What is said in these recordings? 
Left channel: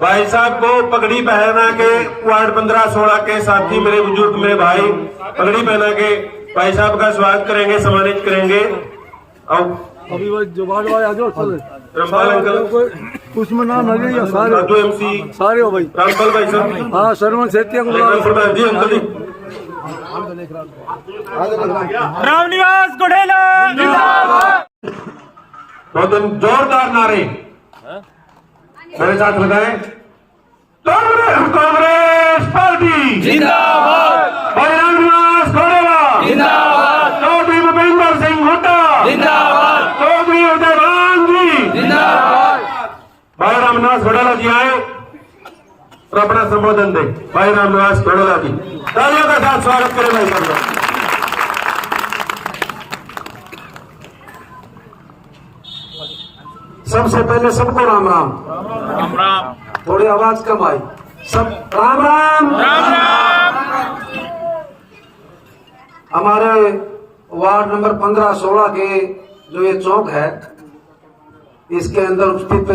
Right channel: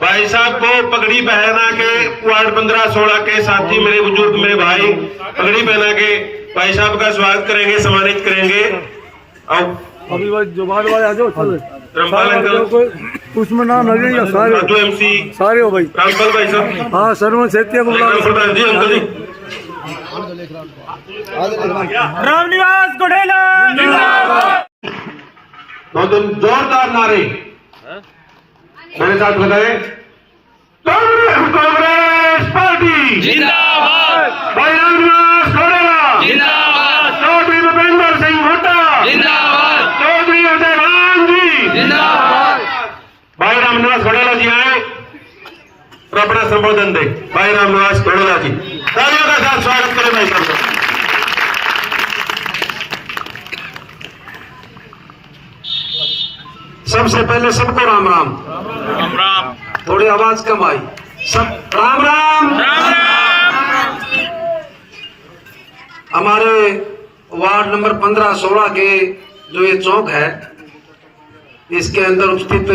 भाई साहब को पगड़ी पहना के वार्ड 15-16 के साथी मेरे बुजुर्ग मेरे भाई पगड़ी पहना के भाई साहब का स्वागत करेंगे, सम्मानित करेंगे। और अभी जुबान वाले आ जाओ, रामपाल अंकल उसमें नाम लगे या सारे एमसी सारे हो भाई, रामपाल भाई साहब, हाँ शर्मा सेतिया को जी अंकल जी, रामनिवास कोडेला जिंदाबाद। दो दिन जोरदार नारे मेरे साथ बताएं। कांग्रेस पार्टी जिंदाबाद, भाई रामनिवास कोडेला जिंदाबाद, चौधरी भूपेंद्र सिंह हुड्डा जिंदाबाद, चौधरी अजयभान जी जिंदाबाद। भाई रामनिवास कोडेला जी आए तो अपना संबोधन दे। भाई रामनिवास कोडेला जी, तालियों के साथ स्वागत करें भाई साहब का। सबसे पहले सबको राम राम। राम राम। थोड़ी आवाज कम आई, सब राम राम। हमारे वार्ड नंबर 15-16 के जो ये चौक है, इसके अंदर उपस्थित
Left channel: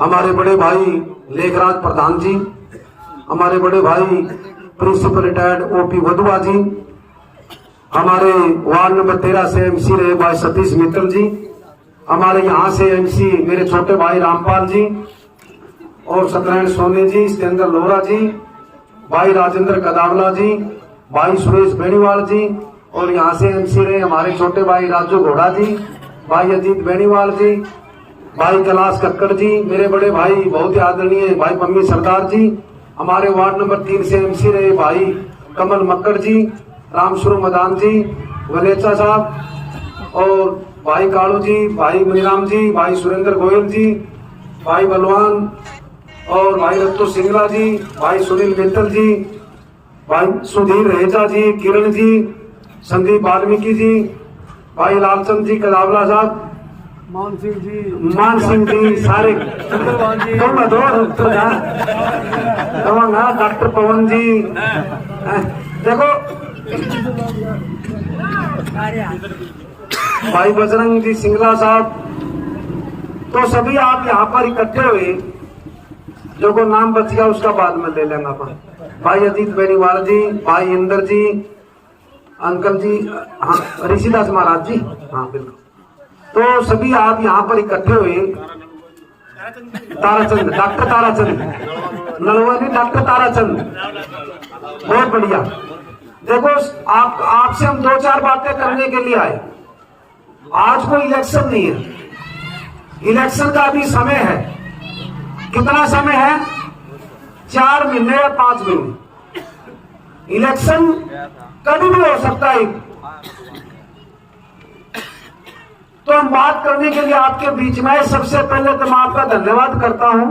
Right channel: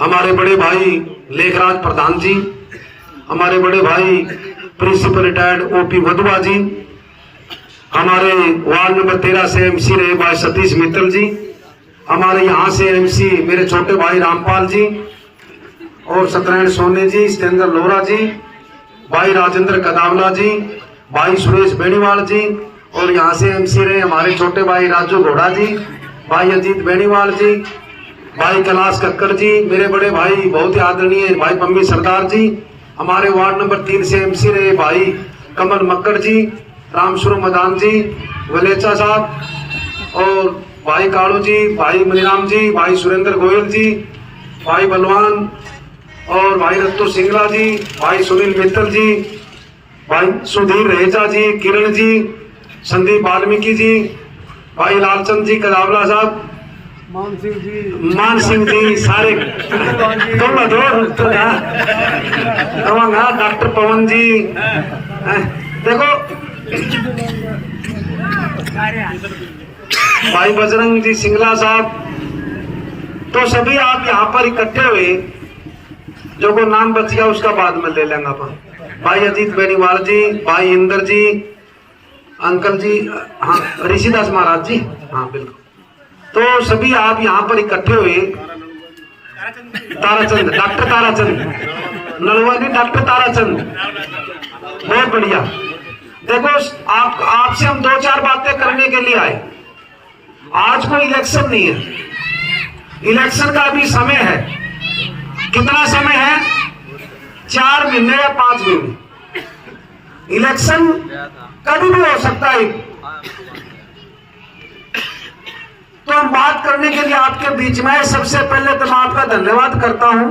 हमारे बड़े भाई लेखराज प्रधान जी, हमारे बड़े भाई प्रिंसिपल रिटायर्ड ओपी वधुआ जी, हमारे वार्ड नंबर 13 से एमसी रहे भाई सतीश मित्तल जी, हमारे यहाँ से एमसी मेरे छोटे भाई रामपाल जी और सत्यनारायण सोने जी, सिकंदर लोहरा जी, भाई राजेंद्र कदावला जी, भाई सुरेश बेनीवाल जी, और यहाँ से एमसी रहे हमारे छोटे भाई राजू घोड़ा जी, भाई अजीत बेनीवाल जी, भाई कैलाश कक्कड़ जी, मेरे बड़े भाई बहुत ही आदरणीय भाई पम्मी सरदार जी, हमारे वार्ड नंबर 3 से एमसी रहे भाई कमल मक्कड़ जी, रामसुर मदान जी, वलेचा साहब, और भाई कालू जी, भाई मनीराम जी, भाई सुरेंद्र गोयल जी, भाई बलवान और भाई रत्तू सिंगला जी, भाई सुनील मित्तल जी, भाई सुधीर रहेजा जी, किरण जी, संदीप वाल्मीकि जी, भाई लालचंद जी कदावला साहब, मान सिंह जी, सारे डॉक्टर पवन जी, देखो भाई बजरंग जी सिंगला साहब, तो सभी आप यहाँ पर इकट्ठे हुए, जो को नाम बच गया उसका बाद में ले लेंगे अपन। भाई अजीत बेनीवाल जी, भाई इंदर जी, अंकल जी, हाँ ऋषिदास महाराज जी, हाँ बिल्कुल, तो सभी आप यहाँ पर इकट्ठे हुए। ताराचंद, डॉक्टर ताराचंद नलवानी, डॉक्टर ताराचंद, बहुत बढ़िया। देखो आपसे हम 2-4 बातें करने के लिए आए। आज कोई इलेक्शन नहीं है, इलेक्शन का अभी समय है। कितना समय है? 4 महीने या 5 महीने। इलेक्शन कभी भी हो सकता है। तो हम बात करने के लिए आपके बीच में, सबसे पहले तो मैं आपका धन्यवाद करता हूं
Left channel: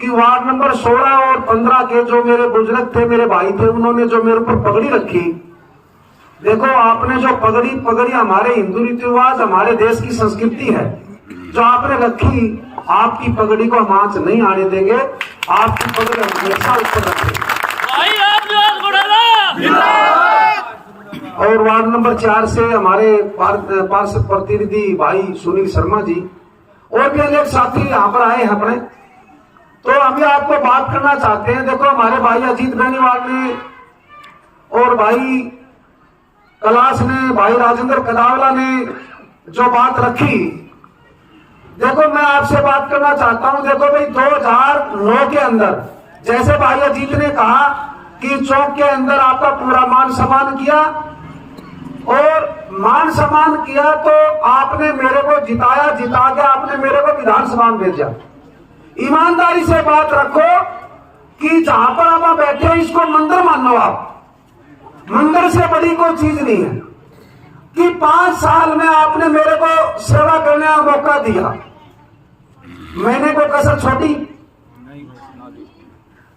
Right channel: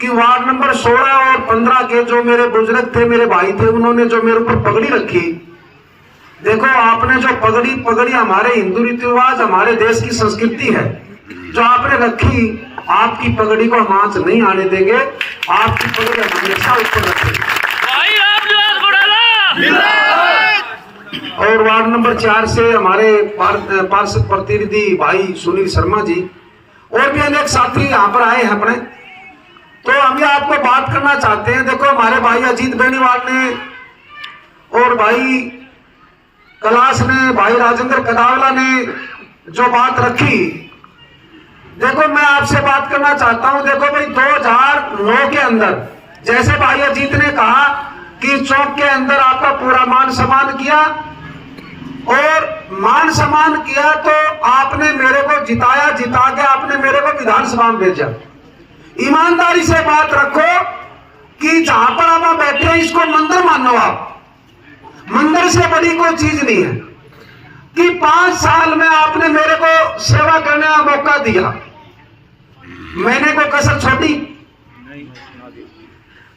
कि वार्ड नंबर 16 और 15 के जो मेरे बुजुर्ग थे, मेरे भाई थे, उन्होंने जो मेरे ऊपर पगड़ी रखी। देखो आपने जो पगड़ी हमारे हिंदू रीति रिवाज, हमारे देश की संस्कृति है, जो आपने रखी, आपकी पगड़ी को हम आंच नहीं आने देंगे। आपकी पगड़ी हमेशा ऊपर रखेंगे। और वार्ड नंबर 4 से हमारे पार्षद प्रतिनिधि भाई सुनील शर्मा जी और भी अनेक साथी यहाँ पर आए हैं अपने। तो हम ये आपको बात करना चाहते हैं। देखो हमारे भाई अजीत बेनीवाल ने और भाई कैलाश ने, भाई राजेंद्र कदावला ने जो बात रखी, देखो मैं आपसे बात करना चाहता हूं। देखो भाई 2009 के अंदर जैसे भाई अजीत ने कहा कि चौक के अंदर आपका पूरा मान सम्मान किया, और मान सम्मान किया तो आपने मेरे को जिताया, जिता के आपने मेरे को विधानसभा में भेजा। ईमानदारी से बात रखो कि जहां पर आप बैठे हैं इसको मंदिर मानो। आप मंदिर से बड़ी कोई चीज नहीं है कि 5 साल में आपने मेरे को सेवा करने का मौका दिया, मैंने कोई कसर छोड़ी?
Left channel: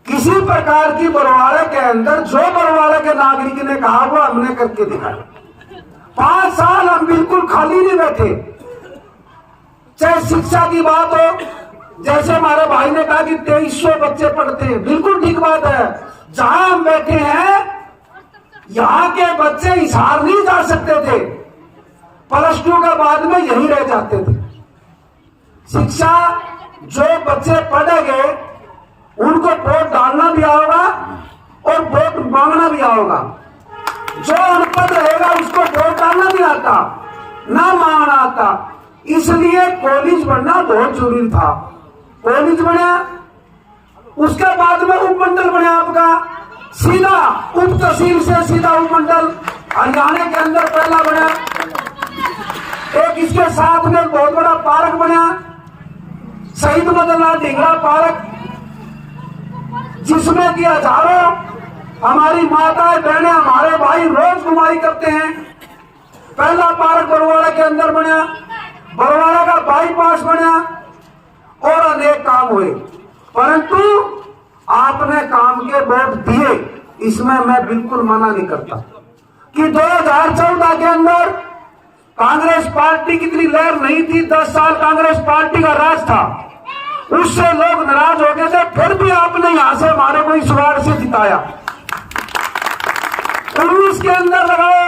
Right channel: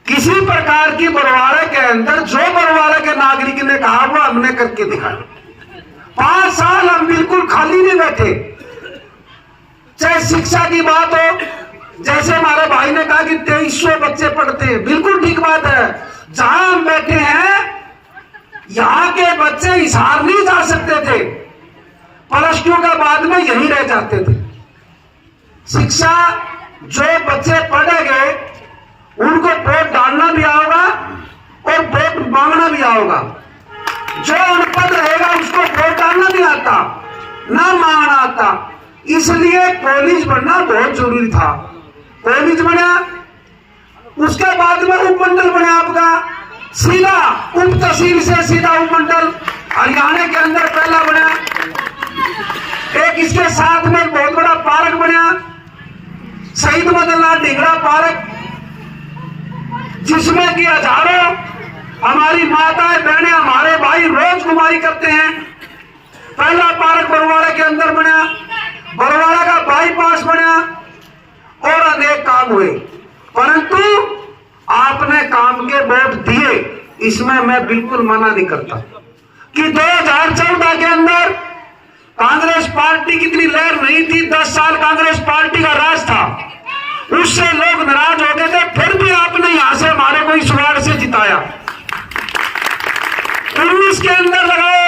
किसी प्रकार की बरवाड़ा के अंदर जो बरवाड़ा के नागरिक ने कहा वो हमने करके दिखाया। 5 साल हम बिल्कुल खाली नहीं बैठे। चाहे शिक्षा की बात हो, जैसे हमारे भाई ने कहा कि 2300 बच्चे पढ़ते हैं, बिल्कुल ठीक बात है। जहां हम बैठे हैं यहां के बच्चे हिसार नहीं जा सकते थे, +2 के बाद में यहीं रह जाते थे। शिक्षा जो बच्चे पढ़ेंगे उनको वोट डालना भी आएगा और वोट मांगना भी आएगा। जो अनपढ़ रहेगा उसको वोट डालना नहीं आता, ना मांगना आता। इसलिए कॉलेज बनना बहुत जरूरी था। कॉलेज बना, उसके बाद में उपमंडल बना आपका, सीधा उप तहसील से सीधा उपमंडल हरियाणा के अंदर पहला बना। एक इसके साथ में बहुत बड़ा पार्क बना, शहीद मदनलाल ढींगरा पार्क, जिसमें कि हजारों हमारी माताएं बहनें हमारे भाई रोज घुमाई करते हैं। पहला पार्क बरवाड़ा के अंदर बना, बरवाड़ा का बाईपास बना और अनेक काम हुए। परंतु आपने काम के वोट दिए, इसमें मैं बिल्कुल मना नहीं करता कि 2014 के अंदर कांग्रेस पार्टी की इतनी लहर नहीं थी। 10 साल कांग्रेस पार्टी का राज था, उससे लोग नाराज हो गए थे, फिर भी आपने यहां से हमारे को इस वार्ड से जिताया। 19 के अंदर लगाओ,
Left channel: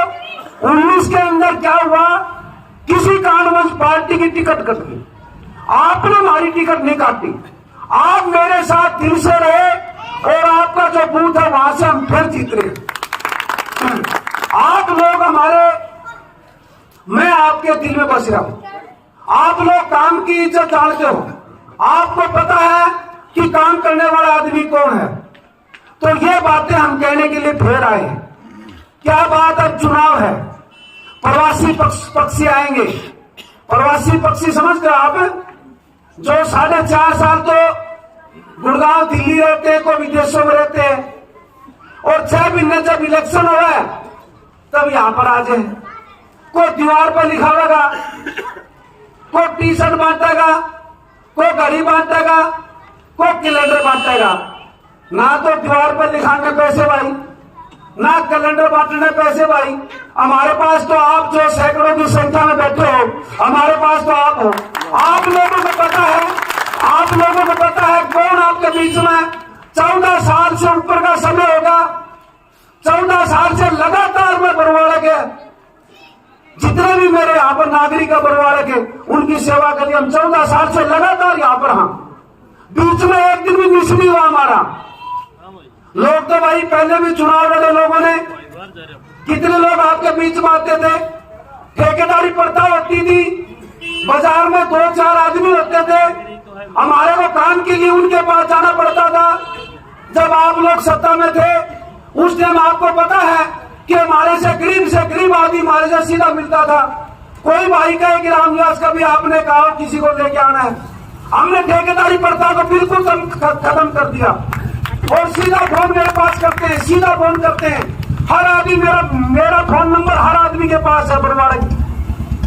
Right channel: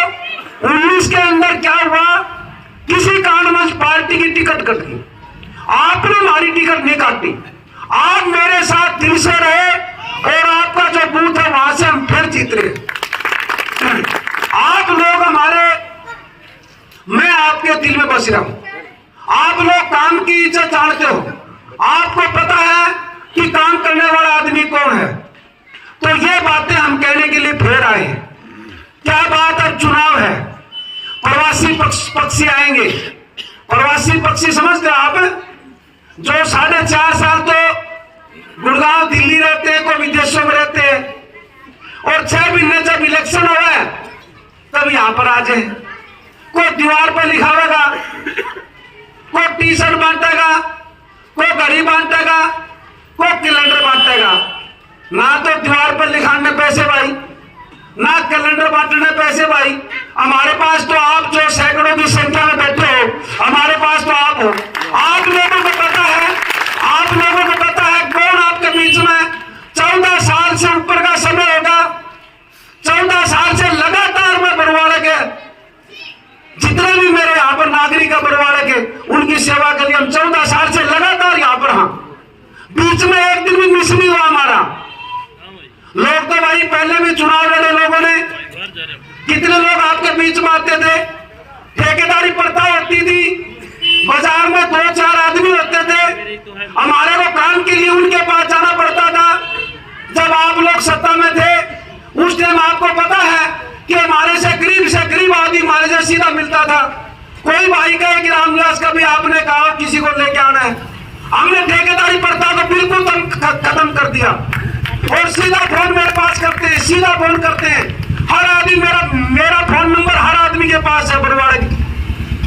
19 के अंदर क्या हुआ? किसी कारणवश पार्टी की टिकट कट गई, आपने हमारी टिकट नहीं काटी। आप मेरे साथ दिल से रहे और आपका जो बूथ है वहां से हम फिर जीत रहे। आप लोग हमारे, मैं आपके दिल में बस रहा हूं। आप लोग काम की इज्जत जानते हो, आपको पता है कि काम करने वाला आदमी कौन है। तो ये बातें हम कहने के लिए फिर आए हैं। क्या बात है? चुनाव है, प्रवासी पक्षी आएंगे। प्रवासी पक्षी समझते हो आप? जो 4.5 साल तो गुड़गांव दिल्ली रहते हैं, कोई विदेशों में रहते हैं, और 6 महीने जब इलेक्शन हो रहा है तब यहां पर आ जाए। कोई दीवार पर लिखावेगा, कोई टी-शर्ट बांटेगा, कोई घड़ी बांटेगा, कोई कैलेंडर बांटेगा। ना तो दीवार पर लिखाने पैसे भाई, ना कैलेंडर बांटने पैसे भाई। हमारे पास तो आप जो सैकड़ों की संख्या में बैठे हो, हमारे पास तो आप हो। आप लोगों को पता है, आप लोगों को पता है कौन आपके बीच में 14 साल से ऊपर का समय होगा। 14 साल से लगातार मैं बरवाड़ा के जितने भी मेरे यहाँ पर नागरिक है बरवाड़ा के, उनकी सेवा के लिए हम 14 साल से लगातार यहाँ पर हैं। बीच में एक दिन भी मिस नहीं हुआ हमारा। लोग तो भाई पहले भी चुनाव लड़े लोगों ने, कितने लोग आपके बीच में आते थे, ठेकेदारी प्रथा होती थी, बाजार में 2-4 आदमी होते थे, हमारे को काम के लिए उनके पास जाना पड़ता था। जब आप लोग सत्ता में थे उस टाइम आपको पता है कि हमारे से गरीब आदमी हमारे से सीधा मिलता था। कोई भाई कहे कि रामविलास का भी आपने कहा किसी को लेके आना है, हमने ठेकेदारी प्रथा को बिल्कुल खत्म कर दिया और सीधा फोन मेरे पास करते हैं, सीधा फोन करते हैं। हर आदमी मेरा फोन नंबर हर आदमी के पास है, बरवाड़ा की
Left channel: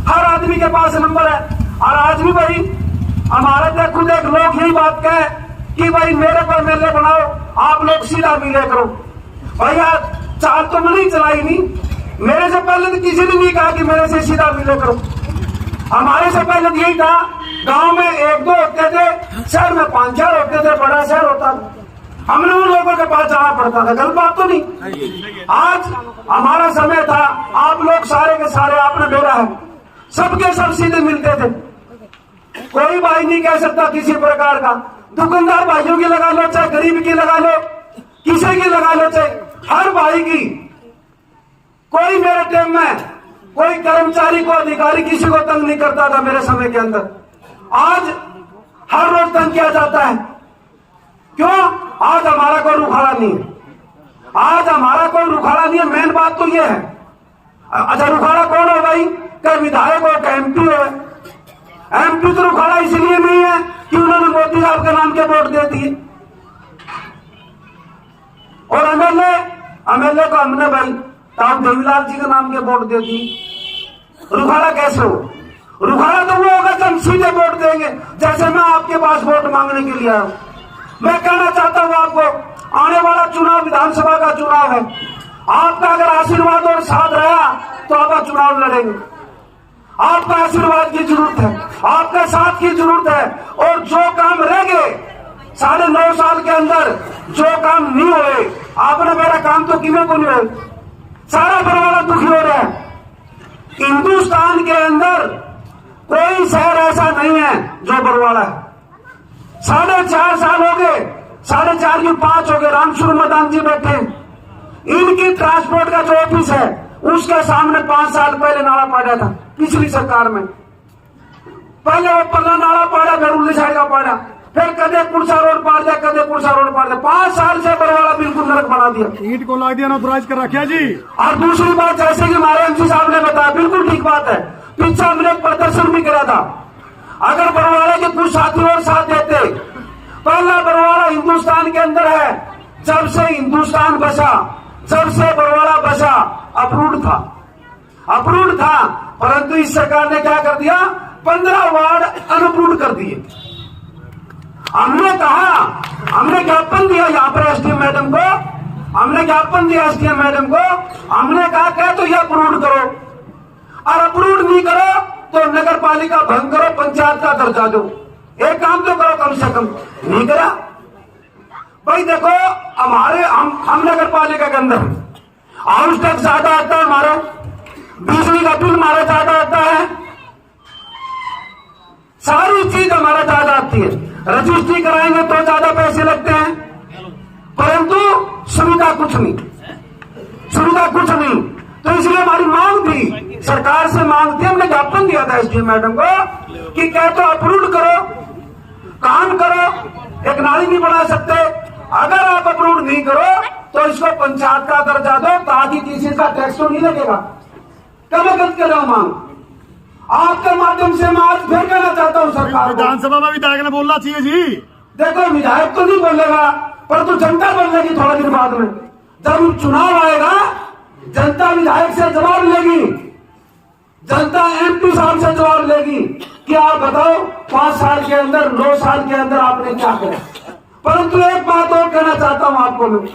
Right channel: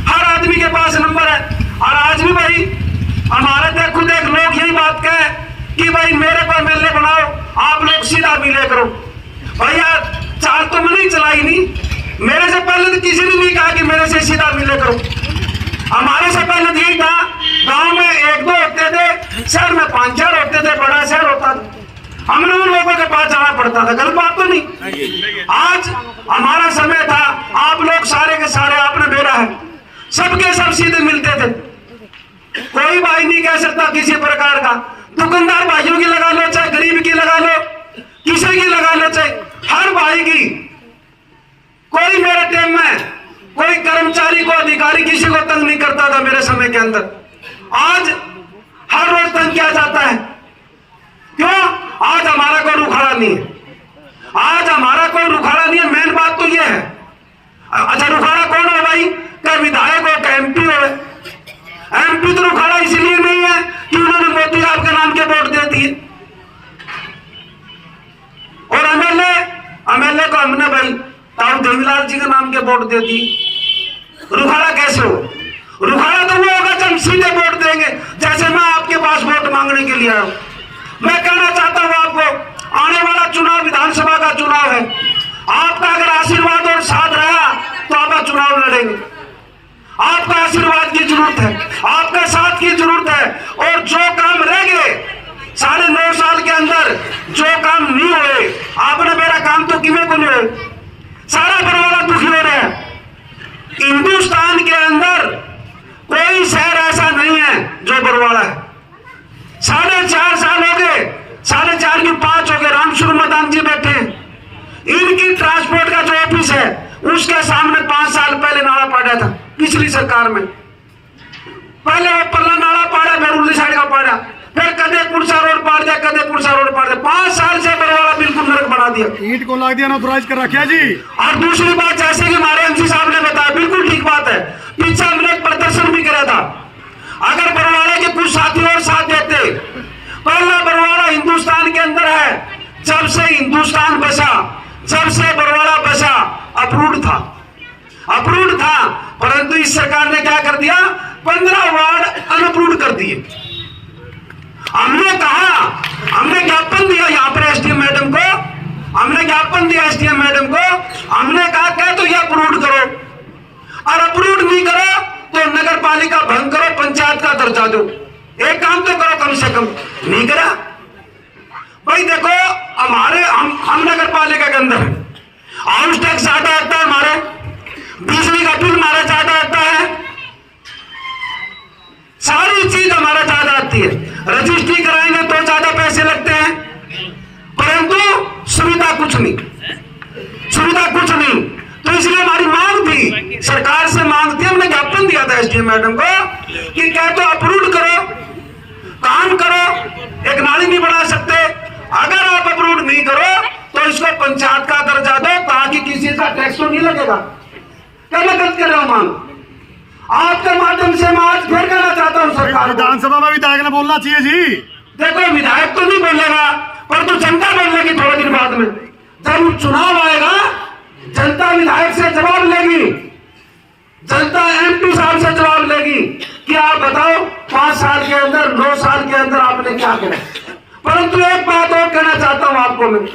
हर आदमी के पास नंबर है। और आज भी भाई हमारा देखो देख लोग यही बात कहे कि भाई मेरे को एमएलए बनाओ, आप लोग सीधा मिले करो। भैया चाल तो मैंने चलाई नहीं, मेरे से पहले तो किसी ने नहीं कहा कि मेरे से सीधा मिले करो। हमारे से पहले तो यही था, गांव में 1-2 होते थे, शहर में 5-4 होते थे, बड़ा शहर होता था, हमने उन लोगों के पास जाना पड़ता था। गलत बात तो नहीं। आज हमारा समय था, आप लोग सारे के सारे आपने बेरा है, सबके सब सीधे मिलते थे। कोई भाई नहीं कह सकता किसी प्रकार का, दुकानदार भाइयों की लगा लो, चाहे गरीब की लगा लो, किसी की लगा लो, चाहे हर भाई की। कोई मेरे टाइम में कोई कर्मचारी को अधिकारी किसी को तंग नहीं करता था मेरे समय के अंदर। आज हर रोज तंग किया जाता है। क्यों? आज हमारा कोई रुखाड़ा नहीं है, आज हमारा कोई रुखाड़ा नहीं है। मेन बात तो यह है अच्छा रुखाड़ा कौन है भाई? क्या विधायक हो, क्या एमपी है? एमपी तो रुखाड़ा इसलिए नहीं है कि उन्होंने मोदी साहब के नाम के वोट दे दिए। और एमएलए को हमने भाई ताऊ देवीलाल जी के नाम के वोट दे दी। रुखाड़ा कैसे हो? रुखाड़ा तो वो होगा जब सीधे वोट देंगे, जैसे मैं आपके पास वोट मांगने के लिए आया हूं। मैं कहना चाहता हूं आपको, आने वाला चुनाव विधानसभा का चुनाव है। आपका अगर आशीर्वाद और साथ रहा तो आप चुनाव लड़ेंगे। आपका आशीर्वाद की जरूरत है, आपका साथ की जरूरत है। और जो काम रह गए 9.5 साल के अंदर, जो काम नहीं हुए, आपने मेरा काम तो किमें को नहीं हुए। सारा बरवाला दुखी हो रहा है। हिंदुस्तान के अंदर कोई शहर ऐसा नहीं है जो बरवाला है। 4.5 साल हो गए, 4.5 की 5 हो गए। रामशुर मैदान जी बैठे हैं, इनकी ट्रांसपोर्ट का जो ऑफिस है उसके सामने 5 साल पहले नाला पड़ा था पिछली सरकार में। पहले वो पल्ला नाला पड़ा, फिर उल्ली साइड का पड़ा, फिर कदे पुरसा रोड पाड़ दिया, कदे पुरसा रोड पाड़ दिया। 5 साल से बरवाला बिल्कुल नरक बना दिया। ईंट को लाग दिया, नौतराज कर रखा जी। और दूसरी बात, जैसे कि हमारे एमसी साहब ने बताया, बिल्कुल ठीक बात है। पीछे हमने एक प्रदर्शन भी करा था। अगर बरवाला के कुछ साथी और साथ देते, पहला बरवाला हिंदुस्तान के अंदर है, जब से हिंदुस्तान बसा, जब से बरवाला बसा, अप्रूव्ड था। परंतु इस सरकार ने क्या कर दिया? 15 वार्ड अनअप्रूव्ड कर दिए। हमने कहा, हमने ज्ञापन दिया यहाँ पर एसडीएम मैडम को, हमने ज्ञापन दिया एसडीएम मैडम को। हमने कहा क्या तो ये अप्रूव्ड करो, और अप्रूव्ड नहीं करो तो नगर पालिका भंग करो, पंचायत का दर्जा दो। एक काम तो करो कम से कम। नहीं करा भाई। देखो हमारे हम नगर पालिका के अंदर हाउस टैक्स ज्यादा आता है, हमारे बिजली का बिल हमारा ज्यादा आता है, सारी चीज हमारा ज्यादा आती है। रजिस्ट्री कराएंगे तो ज्यादा पैसे लगते हैं, परंतु सुविधा कुछ नहीं। तो इसलिए हमारी मांग थी, सरकार से मांग थी, हमने ज्ञापन दिया था एसडीएम मैडम को कि कह तो अप्रूव करो, काम करो। एक नाली नहीं बना सकते, अगर आप अप्रूव नहीं करो तो इसको पंचायत का दर्जा दो, ताकि किसी का टैक्स तो नहीं लगेगा। क्या मैं गलत कर रहा हूं? मांग आपके माध्यम से मैं आज फिर कहना चाहता हूं सरकार, विधानसभा में विधायक ने बोलना चाहिए जी। देखो विधायक तो नहीं बोलेगा, पर तो जनता बोलेगी थोड़े दिन बाद में। जब चुनाव आएगा, जनता विधायक से जवाब लेगी, जनता एमपी साहब से जवाब लेगी कि आप बताओ 5 साल के अंदर, 9 साल के अंदर आपने क्या किया। परंतु एक बात और कहना चाहता हूं आपको मैं,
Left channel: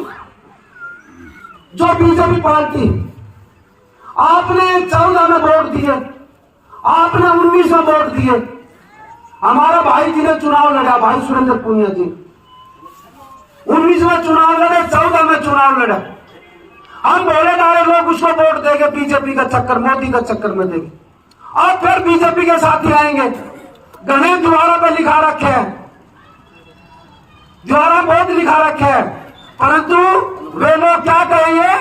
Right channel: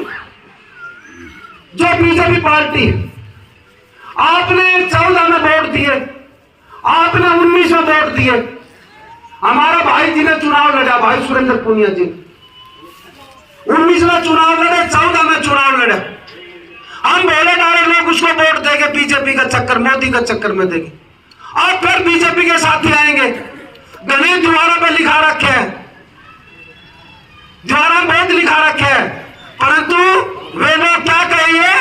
जो बीजेपी पार्टी, आपने 14 में वोट दिए, आपने 19 में वोट दिए। हमारा भाई जी ने चुनाव लड़ा, भाई सुरेंद्र पुनिया जी 19 में चुनाव लड़े, 14 में चुनाव लड़े। हम बोले डाले लोग उसको वोट देंगे, बीजेपी का चक्कर, मोदी का चक्कर में देंगे, और फिर बीजेपी के साथी आएंगे। गणेश द्वारा पे लिखा रखे है, द्वारा बहुत लिखा रखे है, परंतु वे लोग क्या कहेंगे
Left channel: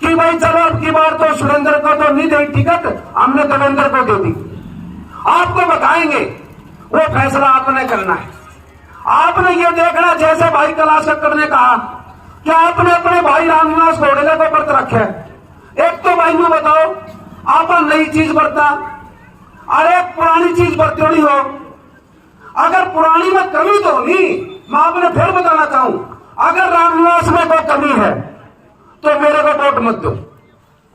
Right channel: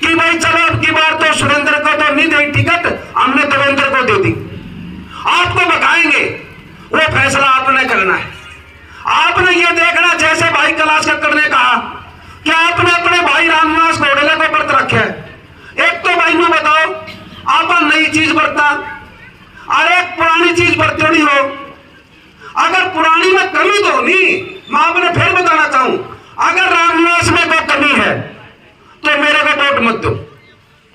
कि भाई चलो अब की बार तो सुरेंद्र को तो नहीं दे टिकट, हमने देवेंद्र को दे दी। आपको बताएंगे, वो फैसला आपने करना है। आपने ये देखना, जैसे भाई कैलाश कक्कड़ ने कहा कि आपने अपने भाई रामनिवास घोड़ेले को व्रत रखे है। एक तो भाई बताओ, आप नई चीज बरता, अरे पुरानी चीज बरती नहीं हो। अगर पुरानी में कमी तो नहीं, मैं आपने फिर बताना चाहूं, अगर रामनिवास में कोई कमी है तो मेरे को वोट मत दो,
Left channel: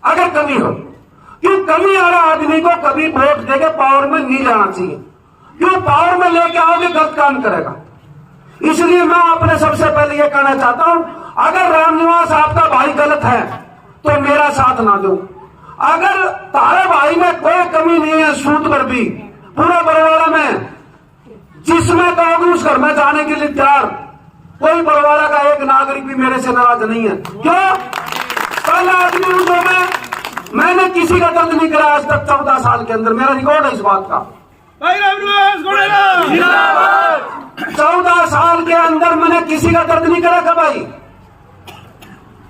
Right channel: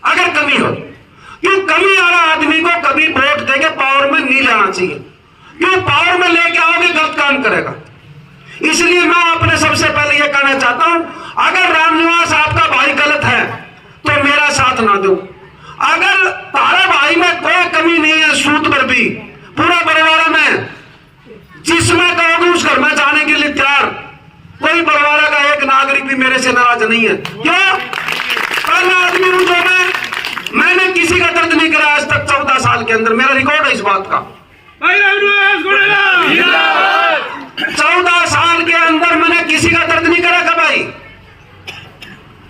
अगर कमी हो। क्यों? कमी वाला आदमी को कभी वोट देके पावर में नहीं लाना चाहिए। क्यों? पावर में लेके आओगे गलत काम करेगा। इसलिए मैं आपने सबसे पहले यह कहना चाहता हूं, अगर रामनिवास आपका भाई गलत है तो मेरा साथ ना दो। अगर तारे भाई में कोई कमी नहीं है, सूद पर भी पूरा बरवाड़ा में जिसमें कहोगे उस घर में जाने के लिए तैयार, कोई बरवाड़ा का एक नागरिक भी मेरे से नाराज नहीं है। क्यों? पहला आदमी हूं जो मैंने किसी का दर्द नहीं करा आज तक 14 साल के अंदर, मेरा रिकॉर्ड है इस बात का। 14 साल के अंदर मैंने किसी का दर्द नहीं करा भाई।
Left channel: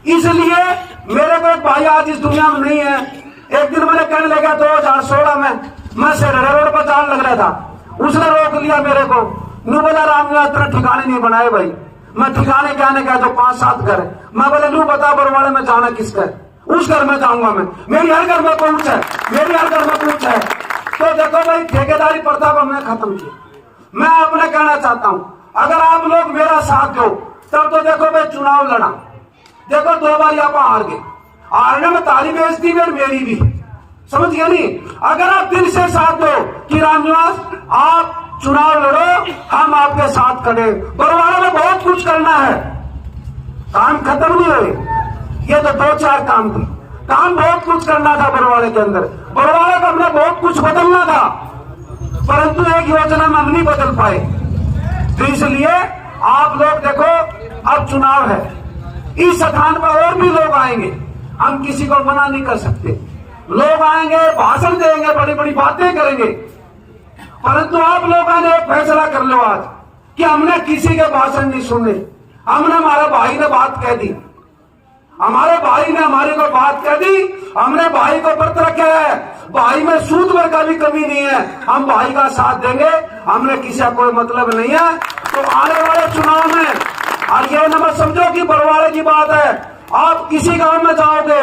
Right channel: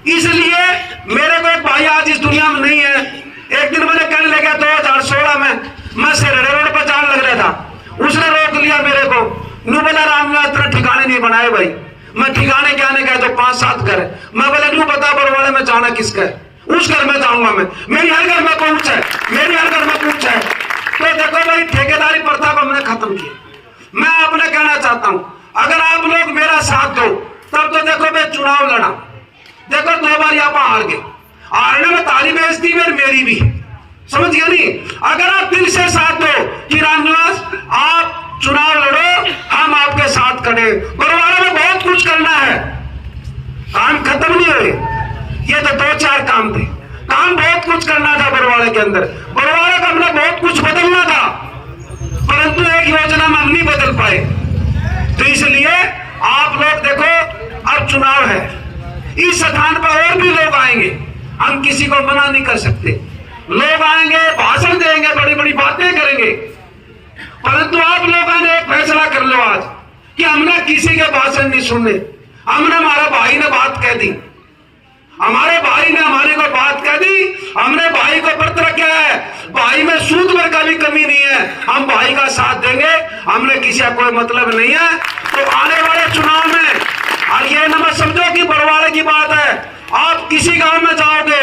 इसलिए मेरे को एक भाई आज इस दुनिया में नहीं है। एक दिन मैंने कहने लगा 2016 में मैं सेरेडा रोड पर जाने लग रहा था, उसने रोक लिया मेरे को, नू बोला रामनिवास इतना ठिकाने नहीं बनाए भाई। मैं ठिकाने क्या आने का, जो 5-7 घर है। मैं बोला नू बता बरवाड़े में जाना किसका है। उस घर में जाऊंगा मैं, मेरी हर घर में पहुंच है, मेरी हर घर में पूछ है। तो देखो भाई, ठेकेदारी प्रथा को हमने खत्म किया। मैं अपने कहना चाहता हूं, अगर आप लोग मेरा साथ दो तब तो देखो भाई चुनाव लड़ा, देखो 2 बार आप हार गए, हारने में ताली बेइज्जती भी और मेरी भी, समझ गए नहीं। अगर आप दिल से साथ दो कि रामनिवास आप चुनाव लड़ो, हम आपके साथ खड़े। बरवाड़ा में बहुत कुछ करना है, काम खत्म नहीं हुए, ये तो 2-4 काम थे, काम बहुत कुछ करना था बरवाड़े के अंदर। बरवाड़े का हमने बहुत कुछ बदलना था, परंतु एक योजना में हम नहीं बदल पाए। तो इसलिए आप लोग देखो, अब चुनाव है, इस स्थान पर और भी लोग आएंगे, हम किसी को मना नहीं कर सकते। लोग आएंगे, भाषण देंगे, बड़ी बड़ी बातें करेंगे, परंतु आप लोगों ने एक फैसला कर लो आज कि हमने किसी के भाषण नहीं सुनने। हमने, हमारा भाई ने बात कह दी, हमारे भाई ने हमारे को बात कह दी, हमने भाई को व्रत रखा है, भाई में सूद में कभी कमी नहीं है, हम भाई का साथ देंगे, हमने किसी का कोई मतलब नहीं है। तो आने वाले चुनाव में, और ये न मत समझो कि बरवाड़े की बात है, आप किसी गांव में जाओगे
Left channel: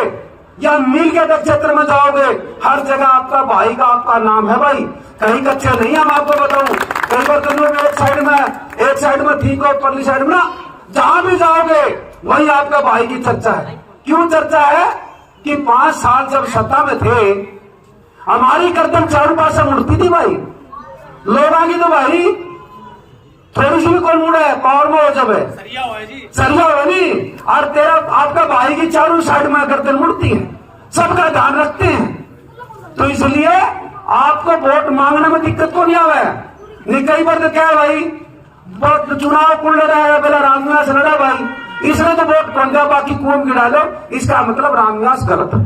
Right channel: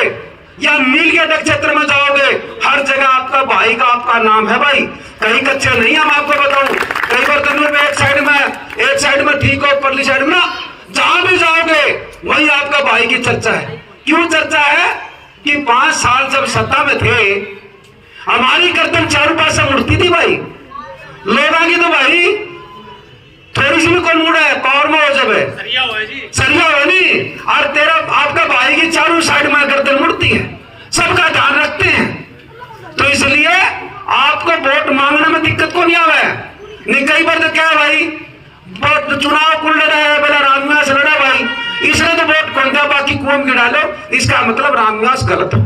या नील के नक्षत्र में जाओगे, हर जगह आपका भाई का आपका नाम है भाई, कहीं कच्चे नहीं। हम आपको बताऊं, कई बार तुम लोग एक साइड में ठीक हो, परली साइड में ना, जहां भी जाओगे वही आपका भाई की चर्चा है। क्यों चर्चा है कि 5 साल जब सत्ता में थे, हमारी गर्दन चारों पास से मुड़ती थी भाई, लोग आगे तो भाई थोड़ी सी भी कौन मुड़ा है, पावर में हो जब है सरिया हुआ नहीं, और तेरा आपका भाई की चारों साइड में गर्दन मुड़ती है, सबका ध्यान रखते हैं। तो इसलिए आपको वोट मांगने में दिक्कत को नहीं आवा है। नहीं, कई बार तो क्या है भाई, चुनाव कौन लड़ा है, बोला रामनिवास लड़ा भाई, इसने तो वोट कौन दिया, बाकी कौन गिरा लो, इसका मतलब रामनिवास गलत हो,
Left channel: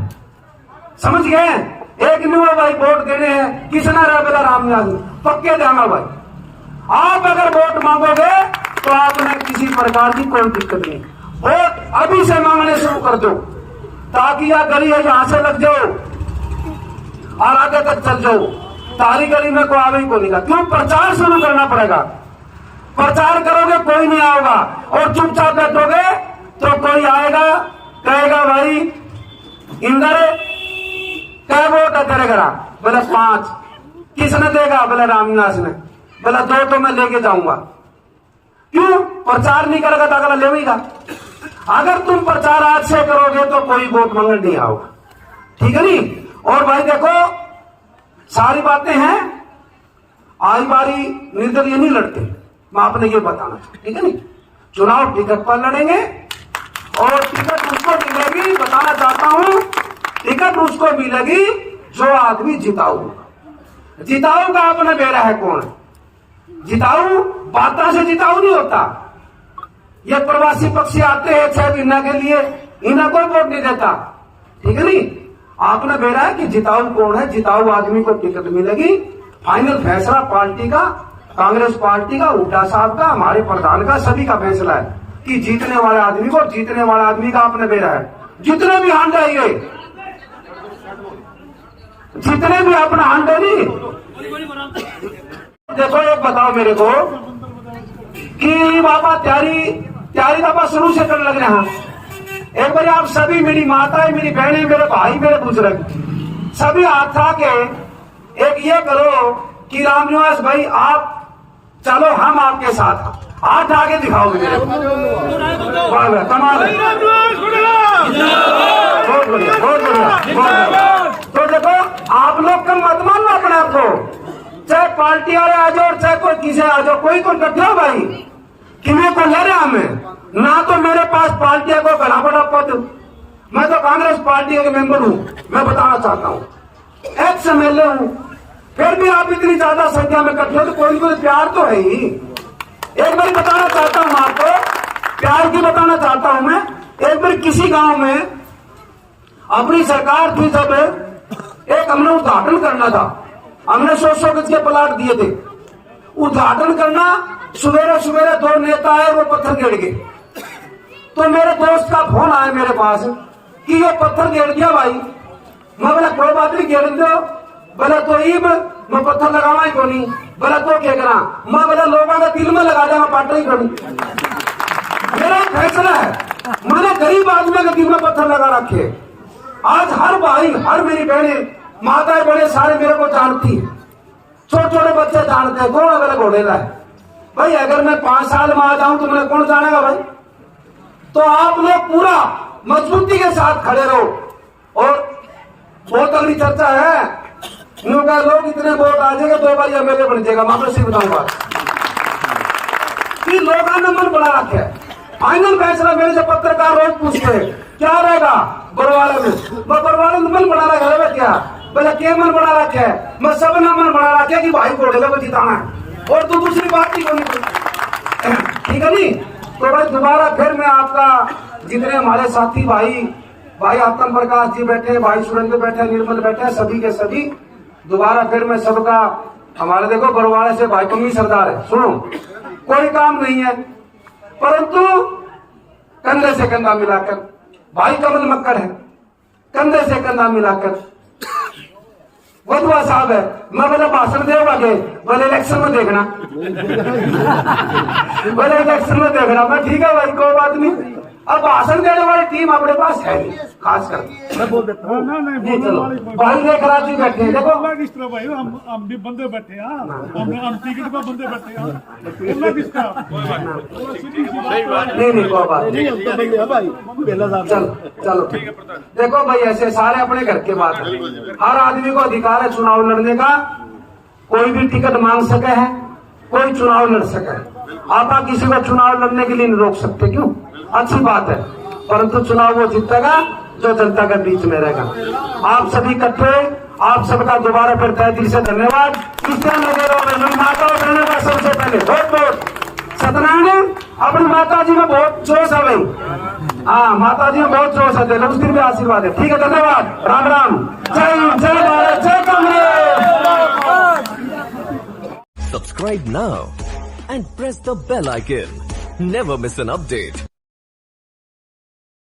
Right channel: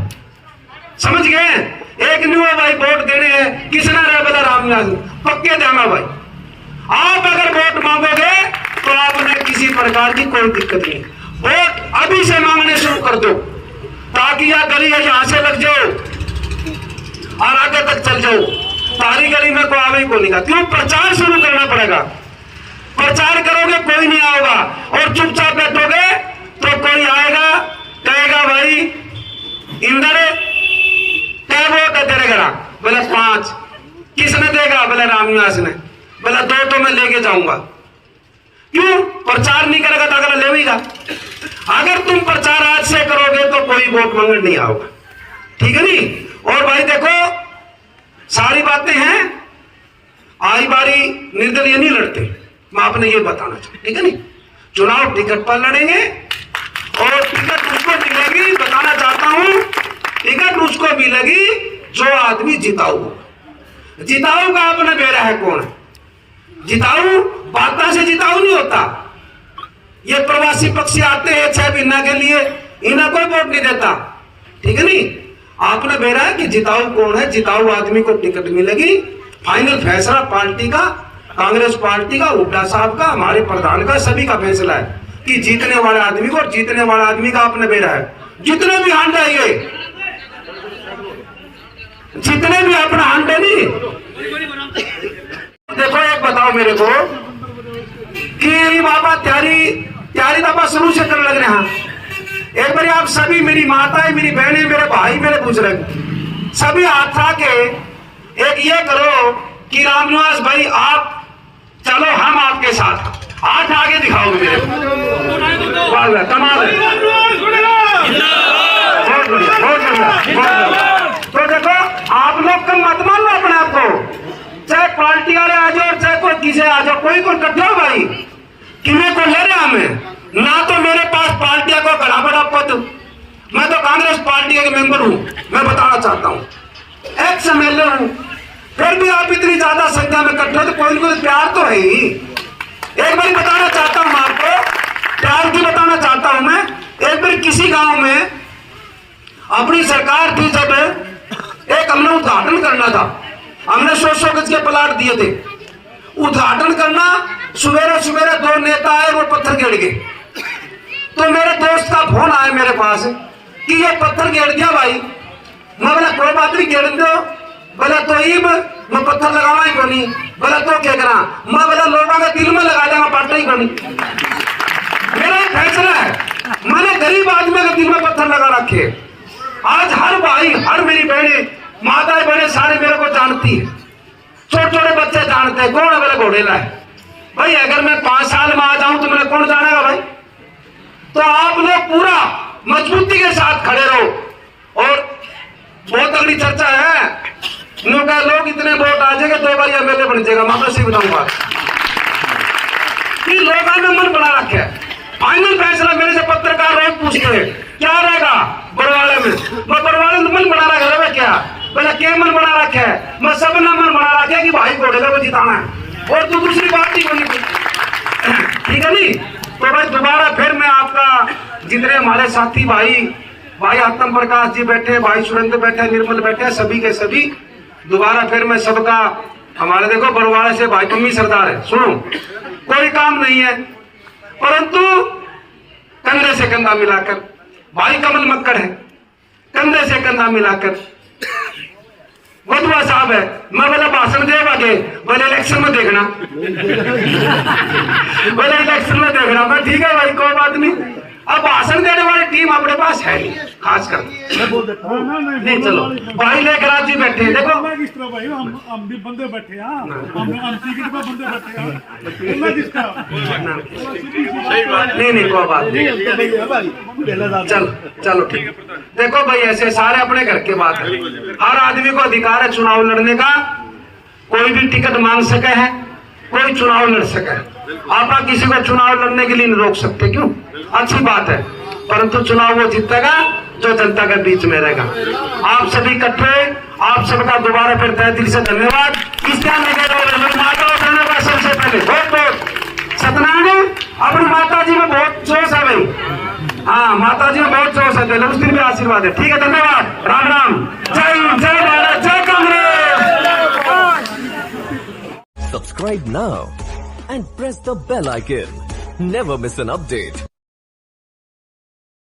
समझ गए। एक न्यू भाई वोट देने हैं, किसने रहा, बोला रामनिवास, पक्के देना भाई। आप अगर वोट मांगोगे तो आपने किसी प्रकार की कोई दिक्कत नहीं, वोट अभी से मांगने शुरू कर दो, ताकि यह गली है यहां से लग जाओ और आगे तक चल जाओ, सारी गली में कोई आवे को नहीं। क्यों, प्रचार शुरू करना पड़ेगा, प्रचार करोगे कोई नहीं आएगा, और चुपचाप बैठोगे तो कोई आएगा, कहेगा भाई इंदर क्या वोट है तेरे घर, बोले 5, किसने देगा, बोले रामनिवास ने, बोला 2 तो मैं लेके जाऊंगा। क्यों, प्रचार नहीं करेगा तो अगला लेगा। अगर तुम प्रचार आज से करोगे तो कोई वोट मांगने नहीं आओगे, ठीक है नहीं। और भाई देखो, सारी बातें हैं, आई बारी निर्दलीय नहीं लड़ते, मैं आपने ये बताना चाहता, ठीक है नहीं। चुनाव टिकट पर लड़ेंगे, और टिकट उसको मिलेगी, बताना चाहता हूं, टिकट उसको मिलेगी जो आदमी जिताऊ होगा। जिताऊ का आपने बेरा है कौन है, जिताऊ बाता से जिताऊ नहीं होता। ये प्रवासी पक्षी आते हैं 6 महीना के लिए, इन्हें कोई वोट नहीं देता, ठीक है नहीं। आपने बेरा है कि जिताऊ कौन है, जिताऊ आदमी को टिकट मिलेगी। फाइनल फैसला पार्टी का, कांग्रेस पार्टी का, हुड्डा साहब का, हमारे प्रधान का, सभी का फैसला है कि जीतने वाले आदमी को, और जीतने वाले आदमी का आपने बेरा है। जितने भी हांड आएंगे, जितने भी अपना हांड नहीं, देखो एक बताओ मेरे को कि बाबा तैयारी दफा शुरू से करने लग रहे हैं। एक बार आप सभी, मेरी माताएं, मेरी बहनें, मेरे भाई, मेरे बुजुर्ग, सभी हाथ उठा के एक ये करो कि रामनिवास भाई आप चलो, हम आपके साथ, हाथ आगे दिखाओगे मेरे को, कमाल है। तो देखो, आप लोग का मत मानना अपने आप को, चाहे पार्टी वाले आ जाओ और चाहे कोई किसी आ जाओ, कोई को कटो भाई, किन्हें को ले रहे हमें ना। तो मेरे पास पार्टी को बड़ा बड़ा पद, मैं तो कांग्रेस पार्टी का मेंबर हूं, मैं बताना चाहता हूं, एक्स एमएलए हूं, फिर भी आप इतनी ज्यादा संख्या में इकट्ठे हो तो कोई कोई प्यार तो है ही। एक बार बताना चाहता हूं आपको, प्यार की बताना चाहता हूं मैं। एक बार किसी गांव में अपनी सरकार थी, जब एक हमने उद्घाटन करना था, हमने 100 गज के प्लाट दिए थे, उद्घाटन करना, सवेरे सवेरे 2 नेता आए, वो पत्थर गिर गए। तो मेरे दोस्त का फोन आया मेरे पास कि ये पत्थर गिर दिया भाई। मैं बोला कोई बात नहीं, गिर दो। बोला तो मैं पत्थर लगावा ही कोनी। बोला तो क्या करा, मैं बोला लोगों का दिल में लगा देगा, पाटा ही कोनी। मेरा फैसला है, मैंने गरीब आदमी के दिल में पत्थर लगा रखे, आज हर भाई, हर मेरी बहनें, माताएं, बड़े सारे मेरे को जानती है। छोटे छोटे बच्चे जानते हैं कौन मेरे घोड़ेला है। भाई अगर मैं 5 साल में आ जाऊं तो मेरे कौन जानेगा भाई। तो आप लोग पूरा मजबूती के साथ खड़े रहो। और बहुत अगली चर्चा है, इनका लोग इतने वोट आ जाएंगे 2 बार एमएलए बन जाएगा। मैं से बताऊंगा कि लोगों ने मन बना रखे है। फाइनल फैसला मेरे से पत्रकार रोज पूछते हैं क्या रहेगा बड़वाले में। मैं बड़वाले में मन बना रखा है क्या, बोला क्या मन बना रखे है। मैं सब ने मन बना रखे कि भाई घोड़ेला को जिताना है और तो दूसरी बात नहीं बोली। ठीक है नी। तो भाई दोबारा फिर मैं आपका, जितने हमारे साथी भाई आत्म प्रकाश जी बैठे, भाई सुरेंद्र बैठे, निर्मल बैठे, सभी के सभी दोबारा फिर मैं सबका, हमारे देखो बड़वाड़े से भाई पम्मी सरदार है, सुनो कोई काम नहीं है, परंतु कंधे से कंधा मिलाकर, भाई कमल मक्कड़ है, कंधे से कंधा मिलाकर वधुआ साहब है। मैं बोला भाषण दे आगे, बोले इलेक्शन में देखना बोले इलेक्शन में देखना। मैं ठीक है भाई कोई बात नहीं। अब भाषण देने वाली टीम अपने पास है नहीं, खासकर नहीं। चलो भाई लेकर आज जी बैठे हैं, देखो किस तरह भाई हम भी बंदे बैठे हैं, हम टिकट पे बंदे बैठे हैं किस तरह। नहीं कोई बात नहीं। चलो ठीक। देखो भाई ऐसे सारे अपने घर के बात है। हर आदमी को अधिकार है चुनाव लड़ने का। कोई भी टिकट मांग सके है, कोई चुनाव लड़ सके है। आप किसी को चुनाव लड़ने के लिए नहीं रोक सकते, क्यों? अच्छी बात है, परंतु चुनाव वो जीतेगा जो जनता के बीच में रहेगा। आप सभी इकट्ठे, आप सबका दोबारा फिर तहे दिल से धन्यवाद। इस टाइम माता करने का सबसे पहले बहुत सत्यनारायण अपनी माता जी में बहुत जोश है भाई। हाँ माता जी में बहुत जोश है, लक्ष्मी भी आशीर्वाद है। ठीक है, धन्यवाद, राम राम, जय हिंद, जय भारत, जय Congress. Subscribe now and press the bell icon. Never miss an update.